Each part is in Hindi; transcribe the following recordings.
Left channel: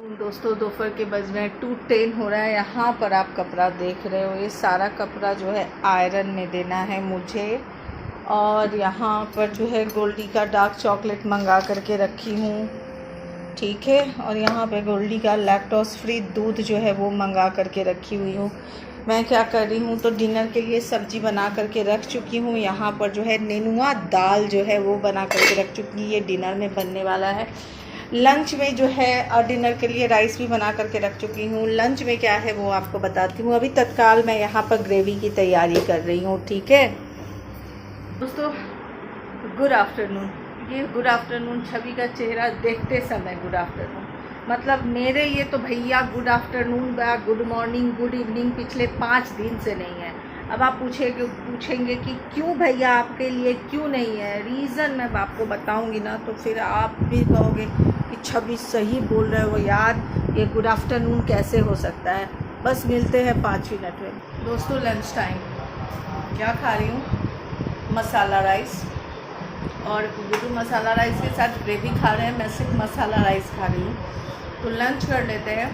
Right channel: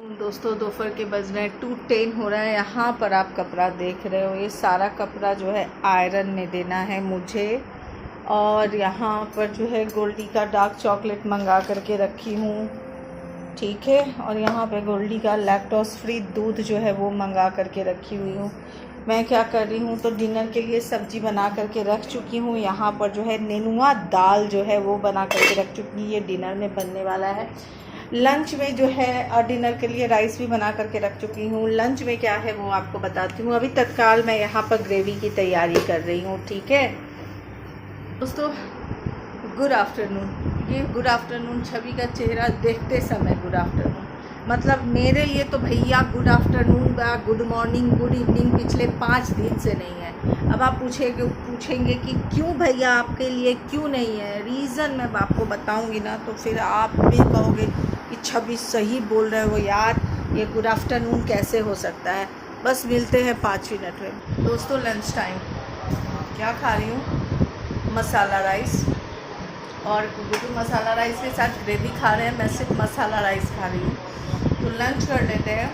दोस्तों दोपहर के बज रहे हैं 2:10 हो रहा है। यहाँ पर आप कपड़ा देख रहे हो, ये सारा कपड़ा जो है आयरन में देना है मुझे। और यहाँ पर जो है गोल्डी का डार्क चॉकलेट मंगा करके रखी हूँ, ठीक है। और यहाँ पे गोल्डी का लैक्टोज फ्री दूध जो है वो मंगा करके रखी हुई हूँ। मैं क्या कर रही हूँ तो डिनर के लिए सब्ज़ी बना करके रख चुकी हूँ। यहाँ पर जो है नेनुआ दाल जो है वो बना करके रख चुकी हूँ, ये डिनर में बनने वाला है। लंच में जो है और डिनर के लिए राइस भी बना करके रख चुकी हूँ। लंच में क्या है वो आपको बताती हूँ। अभी तत्काल मैं यहाँ पर ग्रेवी की तैयारी कर रही हूँ, ठीक है दोस्तों। Good afternoon. ये गुड आफ्टरनून छवि का चेहरा देखते समय गुड आफ्टरनून, मतलब मेरे लिए तो भैया गुड आफ्टरनून व गुड मॉर्निंग गुड इवनिंग पिछले 5 दिन से नहीं है। अब आप पूछेंगे कि क्यों भैया आपके लिए क्यों नहीं है। रीज़न मैं आपको बताऊंगी ना तो फिर आप भी कहोगे कि छवि सही बोल रहे हो यार, ये गुड आफ्टरनून कैसे हो सकता है। बस मिलते हैं 5 मिनट में। दोस्तों लंच टाइम क्या खा रही हूँ, मसाला राइस। और गुड्डू मसाला राइस के साथ ग्रेवी खा रहे हैं, मैं सिर्फ मसाला राइस खा रही हूँ। तो लंच कर लेते हैं,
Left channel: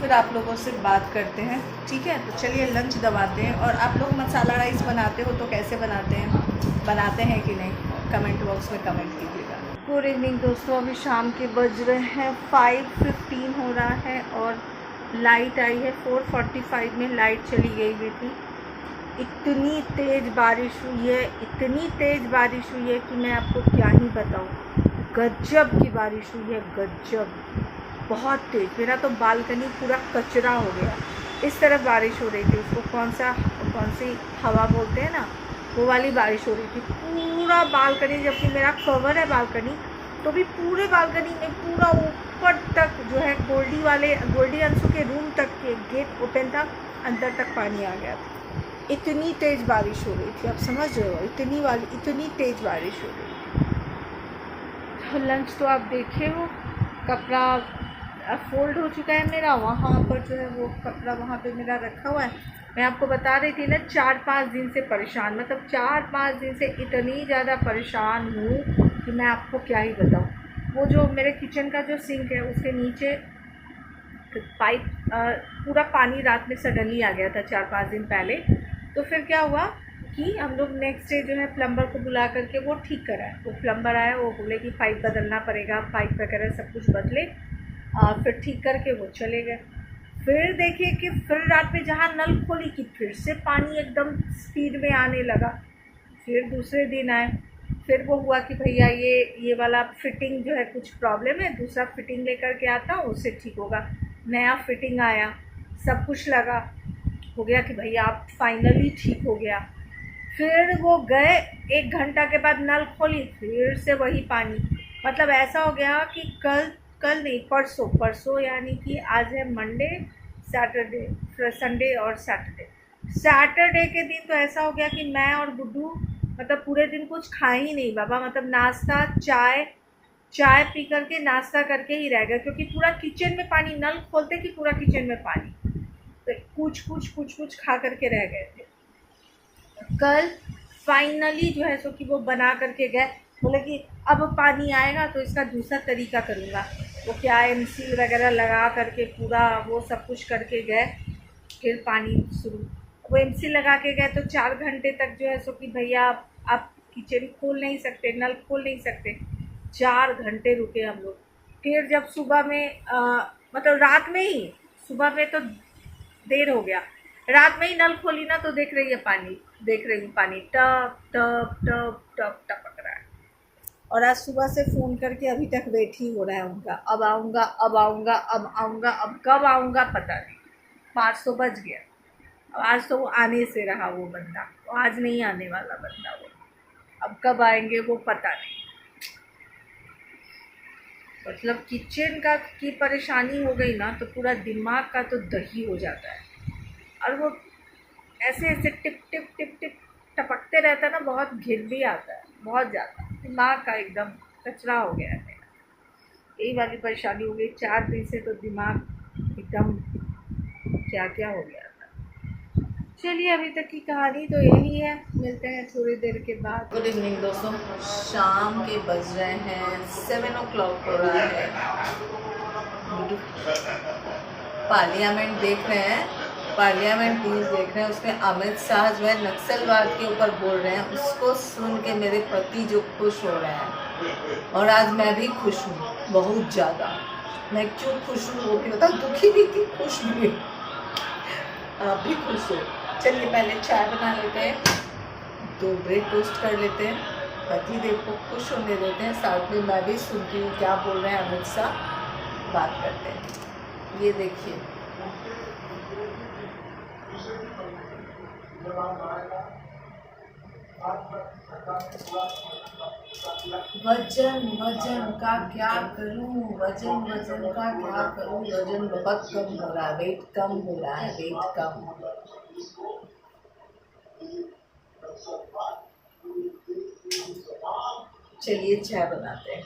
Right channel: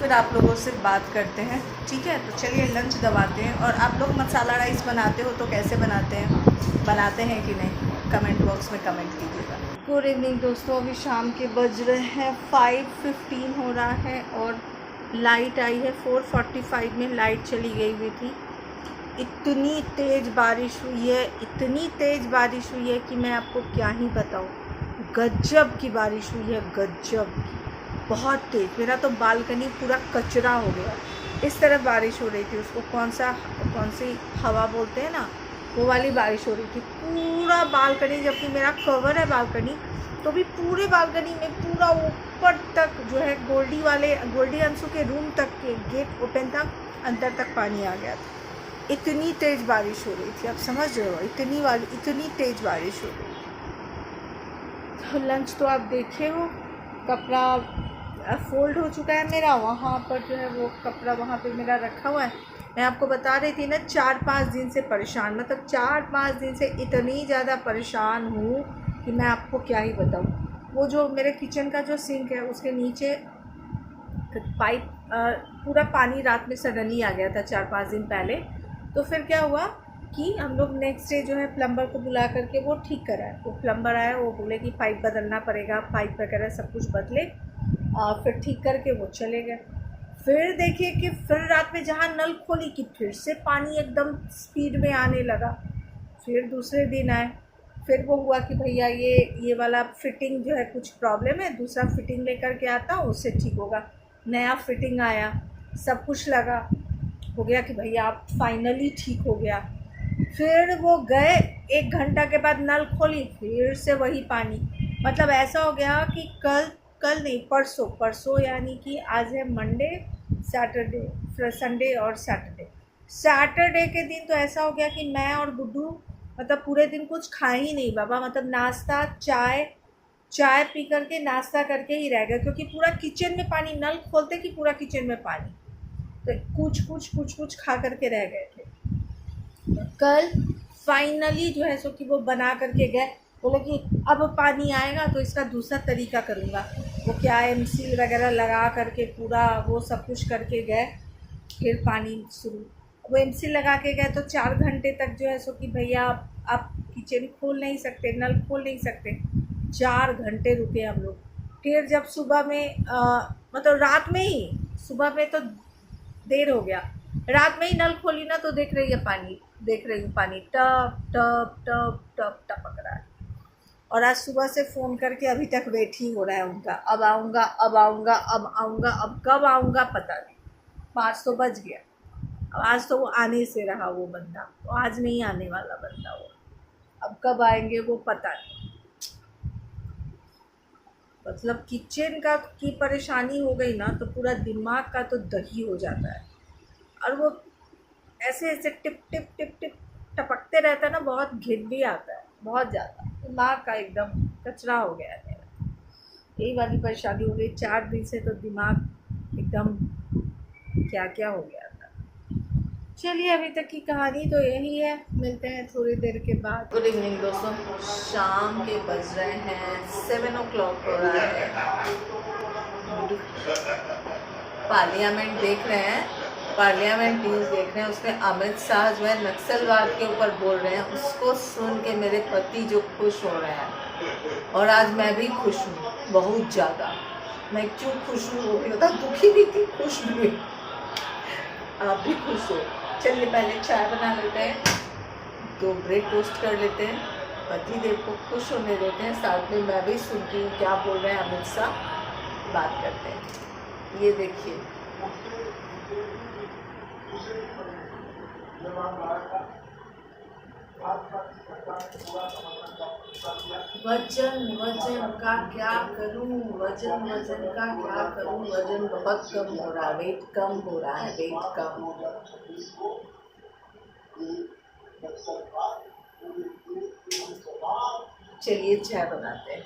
फिर आप लोगों से बात करते हैं, ठीक है। तो चलिए लंच दबाते हैं। और आप लोग मसाला राइस बनाते हो तो कैसे बनाते हैं कि नहीं, कमेंट बॉक्स में कमेंट कीजिएगा। गुड इवनिंग दोस्तों, अभी शाम के बज रहे हैं 5:15 हो रहा है और लाइट आई है 4:45 में। लाइट चली गई हुई थी। इतनी तेज़ बारिश हुई है, इतनी तेज़ बारिश हुई है कि मैं आपको क्या ही बताऊँ। गजब की बारिश हुई है, गजब, बहुत तेज़। मेरा तो बालकनी पूरा कचरा हो गया। इस तरफ बारिश हो रही थी, उसको कौन सी हवा बोलते हैं ना, वो वाली बारिश हो रही थी। पूरा बालकनी, जबकि मेरा कवर है बालकनी, तो भी पूरे बालकनी में पूरा ऊपर तक जो है गोल्डी अंशु के रूम तक के गेट ओपन था, अंदर तक पानी आ गया था। इतनी तेज़ बारिश हो रही थी, आप समझ रहे हो, इतनी तेज़ बारिश हो रही थी। तो लंच तो आप देखे हो, कपड़ा फोल्ड हो चुका है मेरा। वहाँ पर जो है वो कपड़ा वहाँ पे मेरा रखा हुआ है। मैं आपको बता रही थी ना 4-5 दिन से परेशान, मतलब 4-5 दिन से इतनी ज़्यादा परेशान हूँ कि मैं आपको क्या ही बताऊँ। वो जो मेरे किचन का जो सिंक है उसके नीचे पाइप पूरा पानी रात में सडनली आ गया था 4-5 दिन पहले। तो फिर क्या हुआ कि हम लोग नेक्स्ट डे जो है प्लम्बर को बुला करके वो ठीक कराए। वो प्लम्बर आया, वो बोले कि पाइप बदलना पड़ेगा, पाइप वगैरह सब कुछ बदले। फिर ठीक करके वो चले गए। फिर देखिए कि फिर रात में जहाँ नल खोली कि फिर से पानी एकदम स्पीड में आने लगा। फिर दूसरे दिन आए, फिर वो हुआ कि भैया ये वाला फिटिंग जो है कुछ प्रॉब्लम है, दूसरा फिटिंग लेकर के आता हूँ, उससे ठीक होगा। नया फिटिंग आया, सब कुछ लगा, हो गया कि भैया आप फाइनली ठीक हो गया। फिर वो गए, 1 घंटा के बाद नल खोली, फिर से वही पानी। मतलब ऐसा हो गया कि कल नहीं, परसों यानी कि आज है मंडे, सैटरडे, संडे और सैटरडे के दिन तो ऐसा हो गया कि मैं और गुड्डू मतलब पूरे दिन कुछ खाए ही नहीं बाबा। मतलब नाश्ता चाय पी करके नाश्ता करके ही रह गए, क्योंकि पूरा किचन में पानी, नल खोलते कि पूरा किचन में पानी, तो कुछ खा करके रह गए थे। कल फाइनली जो है सो कि वो बना करके गए, बोले कि अब पानी आएगा तो इसका दूसरा तरीका करूँगा। वो क्या एमसील वगैरह लगा करके पूरा वो सब कुछ करके गए। फिर पानी शुरू, वो एमसील लगा के गए तो 4 घंटे तक जो है सो कि भैया आप किचन खोल नहीं सकते, नल खोल नहीं सकते। 4 घंटे रुके हम लोग। फिर जब सुबह में मतलब रात में ही, सुबह में तो देर हो गया, रात में ही नल खोली ना तो देख रही हूँ पानी टप टप टप टप टपक रहा है। और आज सुबह से फ़ोन करके अभी तक वेट ही हो रहा है उनका, अब आऊँगा, अब कब आऊँगा पता नहीं। 5 तो बज गया। अब आज तो वो आने से रहा वो बंदा, तो आज नहीं आने वाला बंदा वो, अब कब आएंगे वो पता नहीं। मतलब किचन का की परेशानी हो गई ना तो पूरा दिमाग का तो दही हो जाता है। और वो ऐसे टिप टिप टिप टिप टपकते रहता है ना, बहुत घिन भी आता है, बहुत ज़्यादा दिमाग का एकदम कचरा हो गया है मेरा। यही वाली परेशानी हो गई 4 दिन से, तो दिमाग एकदम क्या हो गया था। चलिए अभी तक की कहानी तो यही है, मिलते हैं थोड़ी देर के बाद। गुड इवनिंग दोस्तों, शाम के बज रहे हैं 7 o'clock हो रहा है। पार्लियामेंट देख रहे हैं, पार्लियामेंट न्यूज़ देख रहे हैं। उसमें अमित शाह जो है नक्सलवाद के ऊपर बोल रहे हैं, उसको सुन के मेरे पति जो खुश हो रहे हैं, और आज मैं भी खुश हूँ बहुत ज़्यादा। मैं क्यों खुश हूँ वो भी बता, दुखी भी थी, खुश भी, आप भी खुश हो। चलिए पहले चाय बना लेते हैं, 2 ब्रेड टोस्ट कर लेते हैं, पति देव को खुश होने देते हैं, साथ में मैं भी सुनती हूँ क्या बोल रहे हैं अमित शाह, बात करते हैं। ये देखिए वजन वजन का क्या करूं, वजन वजन का क्या करूं, वजन बहुत कम हो रहा है, वेट कम हो रहा है, वेट कम। चलिए चाय बनाते हैं।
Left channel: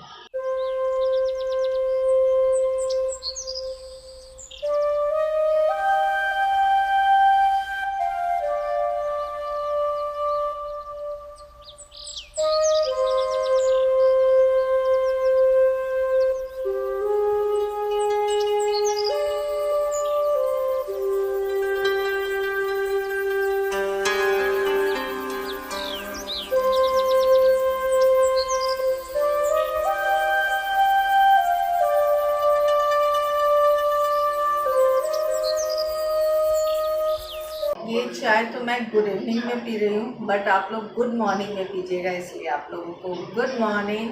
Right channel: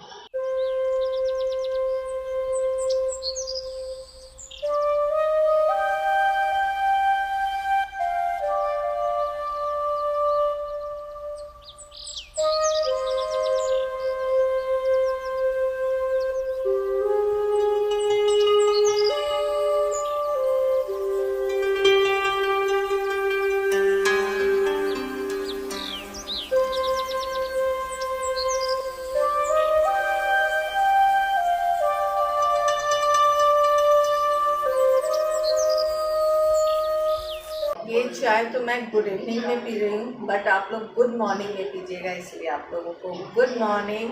ये चाय तो मैं गुड इवनिंग में पी रही हूँ, बट आप लोग गुड मॉर्निंग में पीजिएगा, इसलिए आप लोगों को गुड मॉर्निंग।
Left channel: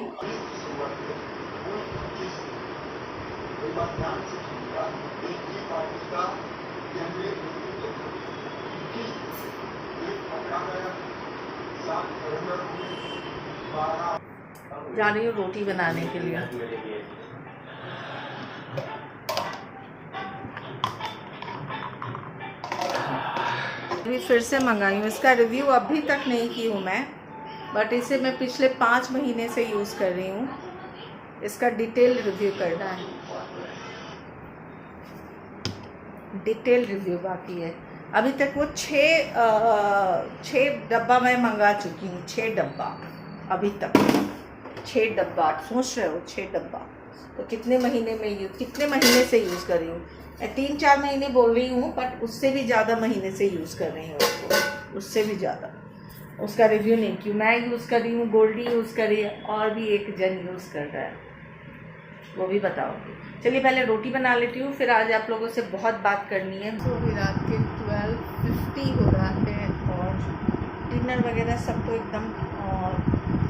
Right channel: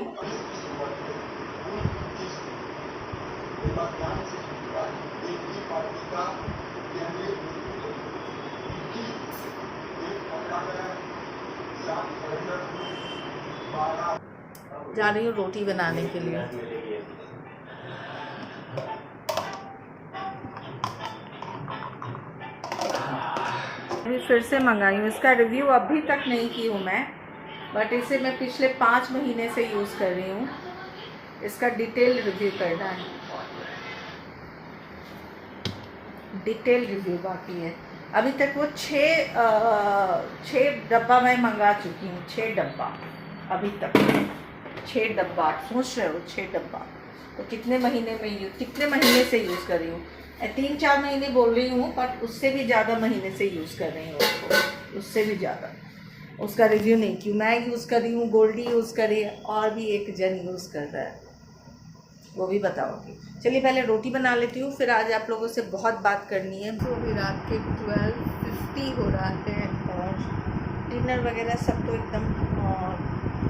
जा रही हूँ रोटी बनाने के लिए। अभी फिर से मंगाई हूँ, इसका रिव्यू अभी तक नहीं की हूँ मैं, बट इसे मैं पिछले 5 महीने से यूज़ कर रही हूँ। इसका डिटेल रिव्यू करना है, डिटेल रिव्यू बाकी है। अभी तक वो 6 डब्बा मैं मंगा चुकी हूँ, 6 डब्बा अभी तक, 6 डब्बा। आप सोच रहे हो 6 डब्बा तो कितने महीने से यूज़ कर रही हूँ। 3-4 महीने बोल रही हूँ, बट उससे भी ज़्यादा महीने से यूज़ कर रही हूँ उसको, उससे भी ज़्यादा। उसका रिव्यू नहीं की, मैं यूज़ कर रही हूँ, गोल्डी यूज़ कर रही है, और भी एक जन यूज़ कर रहा है, वो भी बताओगी। चलिए पहले रोटी बना लेती हूँ, फिर आज आप लोगों से बहुत बात करनी है। तो अभी रात के 12:50 हो रहा है, और डिनर वगैरह सब तो एकदम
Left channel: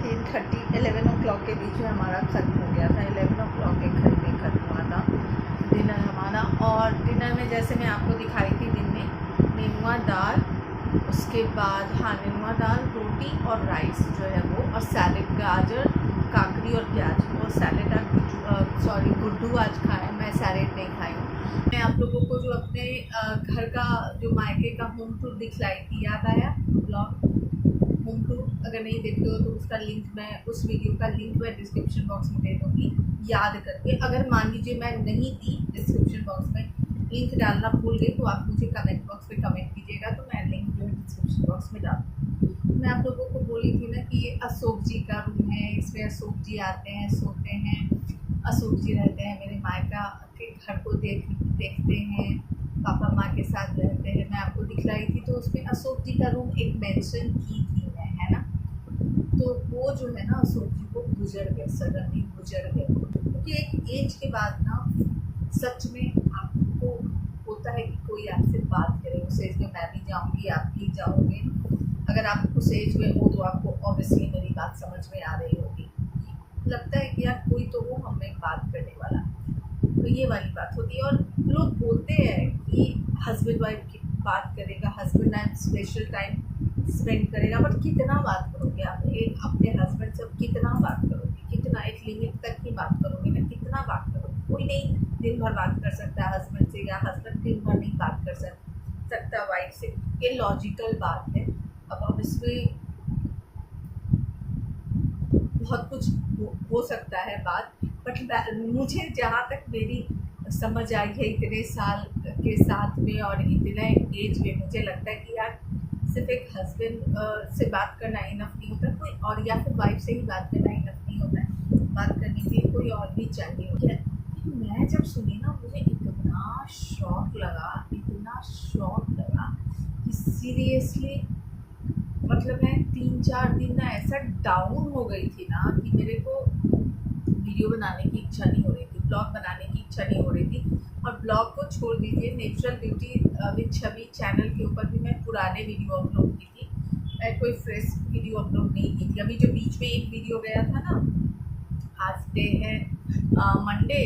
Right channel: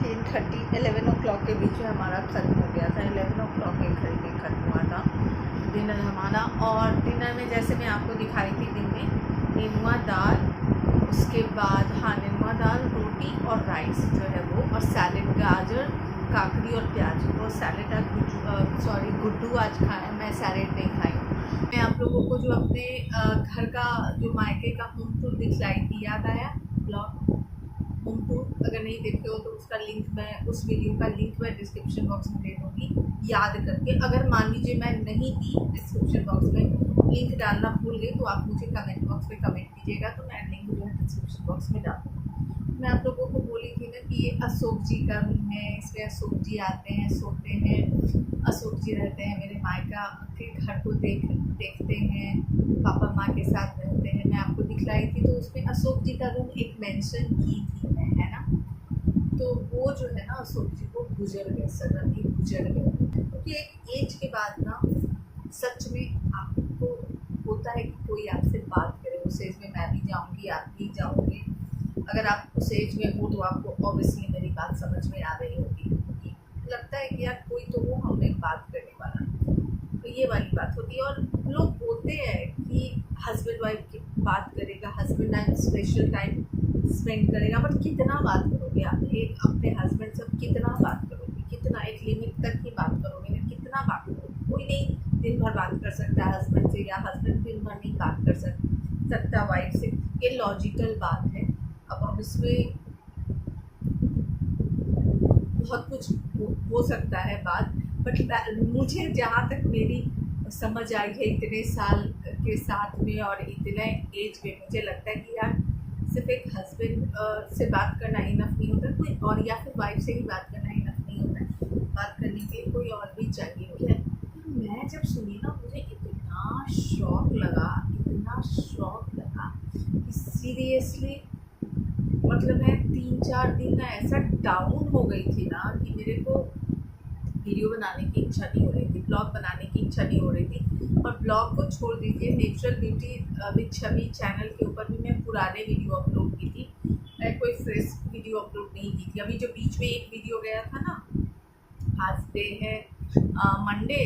10:30-11 o'clock के बीच में हमारा ख़त्म हो गया था। 11 o'clock के करीब में ख़त्म हुआ था डिनर हमारा। और डिनर में जैसे मैं आपको दिखाई थी दिन में, नेनुआ दाल, उसके बाद नेनुआ दाल, रोटी और राइस जो है वो, और सैलेड, गाजर, काकड़ी और प्याज। और सैलेड गुड्डू आज खाया, मैं सैलेड नहीं खाई हूँ। मैं आप लोगों को जो अपने घर का जो मायके का होम टूर दिखलाई थी, याद आया ब्लॉग होम टूर? अगर नहीं देखे हो तो उसका लिंक मैं, उस वीडियो का लिंक मैं डिस्क्रिप्शन बॉक्स में दे दूँगी, याद करके। अगर मान लीजिए मैं नहीं दी डिस्क्रिप्शन बॉक्स में लिंक डालना भूल गई, तो आप मुझे कमेंट बॉक्स में कमेंट कीजिएगा, तो मैं लिंक जो है डिस्क्रिप्शन बॉक्स में डाल दूँगी। मैं आप लोगों को बोली थी ना कि ये अशोक जी का रूम है, इसमें अशोक जी आते हैं, सोते हैं, अशोक जी रहते हैं, मेरे मायका के घर को देखते हैं, पापा माँ के साथ रहते हैं। मैं आपको दिखलाई थी, तो उसमें अशोक जी का रूम एक मेंशन की थी मैं, है ना। तो वो जो है ना, अशोक जी वो गुजर गए, सडनली गुजर गए, क्योंकि एक एज के बाद ना सच में आपको होता है कि कोई आपसे बात करे। उस एज में मैं भी जाऊंगी, आप भी जाओगे। अगर आप उस एज में हो तो आपको ऑब्वियसली मेरी बात समझ में आ रही होगी, लगता है कि यार कोई तो वो हमें बात करने वाला, तो ये वाली बात होती है। और लोग बोलते हैं कि हस्बैंड वाइफ की बात करेगा, husband time special time spend करेगा, बट कितना बात करोगे आप एक अपने हस्बैंड से? कितना बात करोगे, कितना, एक लिमिट तक ही बात करोगे ना, कितना बात करोगे? कोई नहीं दिन भर बात कर सकता है हस्बैंड से, या हस्बैंड दिन भर नहीं बात कर सकता वाइफ से, ये लॉजिकल बात है। अब इसमें बहुत कुछ हो सकता है बात, बट मुझे जहाँ तक मेरी समझ आई है इतने साल के साथ में और इतने एज में, मुझे लगता है कि यार सिर्फ एक हस्बैंड से बात करना इनफ नहीं होता, कोई और, या फिर वाइफ से ही बात करना इनफ नहीं होता है, बात करने के लिए कोई और भी चाहिए होता है। मैं जब सुनी ना मुझे इतना शौक लगा कि सीरियसली मतलब मैं 3-4 दिन ना ऐसा डाउन हो गई थी ना कि मेरे को वीडियो बनाने की इच्छा नहीं हो रही थी, ब्लॉग बनाने की इच्छा नहीं हो रही थी। और ब्लॉग को छोड़ दीजिए, natural beauty with Chhavi channel के ऊपर भी मैं पुराने वीडियो अपलोड की थी, मैं कोई फ्रेश वीडियो अपलोड नहीं की थी। अभी जो बीच में एक वीडियो गया था ना, आज डे है मंडे,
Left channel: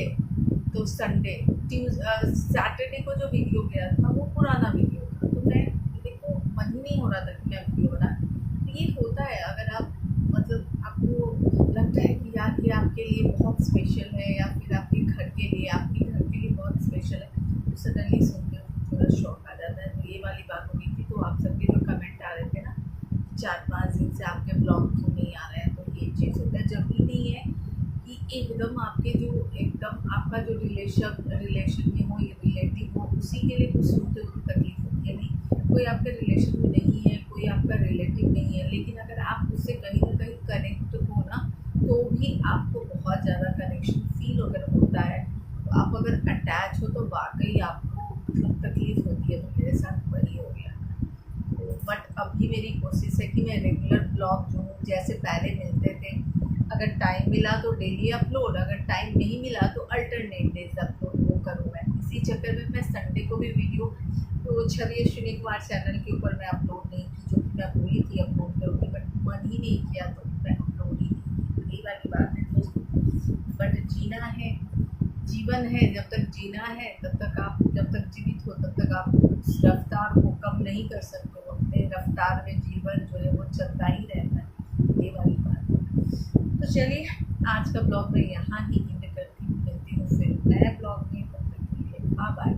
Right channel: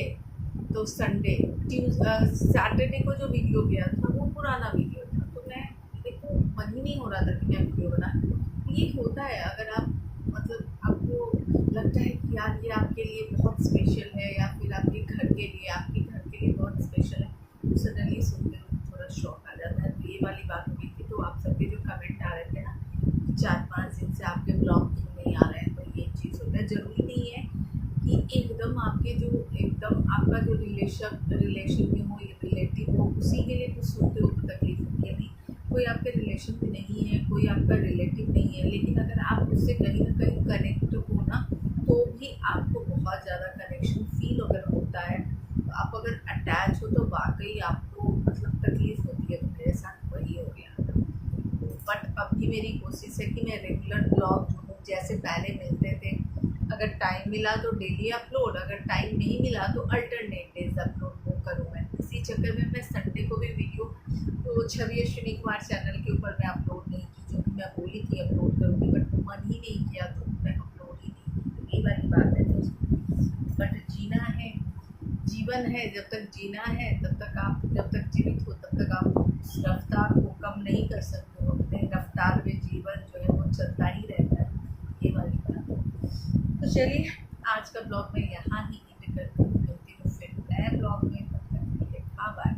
तो संडे सैटरडे को जो वीडियो गया था वो पुराना वीडियो था, तो मैं देखो मन ही नहीं हो रहा था कि मैं वीडियो बना। तो ये होता है, अगर आप मतलब आपको लगता है कि यार ये आपके लिए बहुत स्पेशल है या फिर आपके घर के लिए बहुत स्पेशल है, तो सडनली सुनते हो थोड़ा शौक आ जाता है। तो ये वाली बात हो गई थी। तो आप सबके जो कमेंट आ रहे थे ना, 4-5 दिन से आपके ब्लॉग क्यों नहीं आ रहे हैं, तो ये चीज़ होता है। ज़रूरी नहीं है कि एकदम आपके जो एकदम आपका जो रिलेशन में हो या रिलेटिव हो उसी के लिए कुछ सुनते हो तो तकलीफ होती है। नहीं, कोई आपके रिलेशन में नहीं है, कोई आपका रिलेटिव नहीं है, लेकिन अगर आप उससे कहीं ना कहीं कनेक्ट हो ना, तो भी आपको बहुत ज़्यादा कनेक्शन फील अगर होता है, तो आप अगर अटैच हो तो वाकई आपको मतलब तकलीफ़ होती है। तो मेरे साथ वही हो गया। बट अभी मेरी कोशिश है कि मैं रेगुलर ब्लॉग जो हूँ, जैसे पहले मिलते थे, अगर टाइम मिला तो डेली अपलोड, अगर टाइम नहीं मिला तो अल्टरनेट डेज अपलोड वो करूँ मैं। इसी चक्कर में मैं संडे को भी वीडियो तो छवि अश्विनी कुमार चैनल के ऊपर मैं अपलोड नहीं की, जो कि मैं बोली थी अपलोड करूँगी, बट मन ही नहीं किया तो मैं अपलोड ही नहीं की। तो यही वाली बात है दोस्तों। बट जीना है, जीवन है, जब तक जीना है तब तक आप जब तक जीवित हो तब तक आप उस रफ्तार को कम नहीं कर सकते हो। अपने रफ्तार में जीवन जो है वो चलता ही रहता है, ये वाली बात है। तो चलिए, आज का ब्लॉग मैं यहाँ ही एंड करती हूँ, मिलती हूँ फिर नए ब्लॉग में। तब तक के लिए बाय बाय।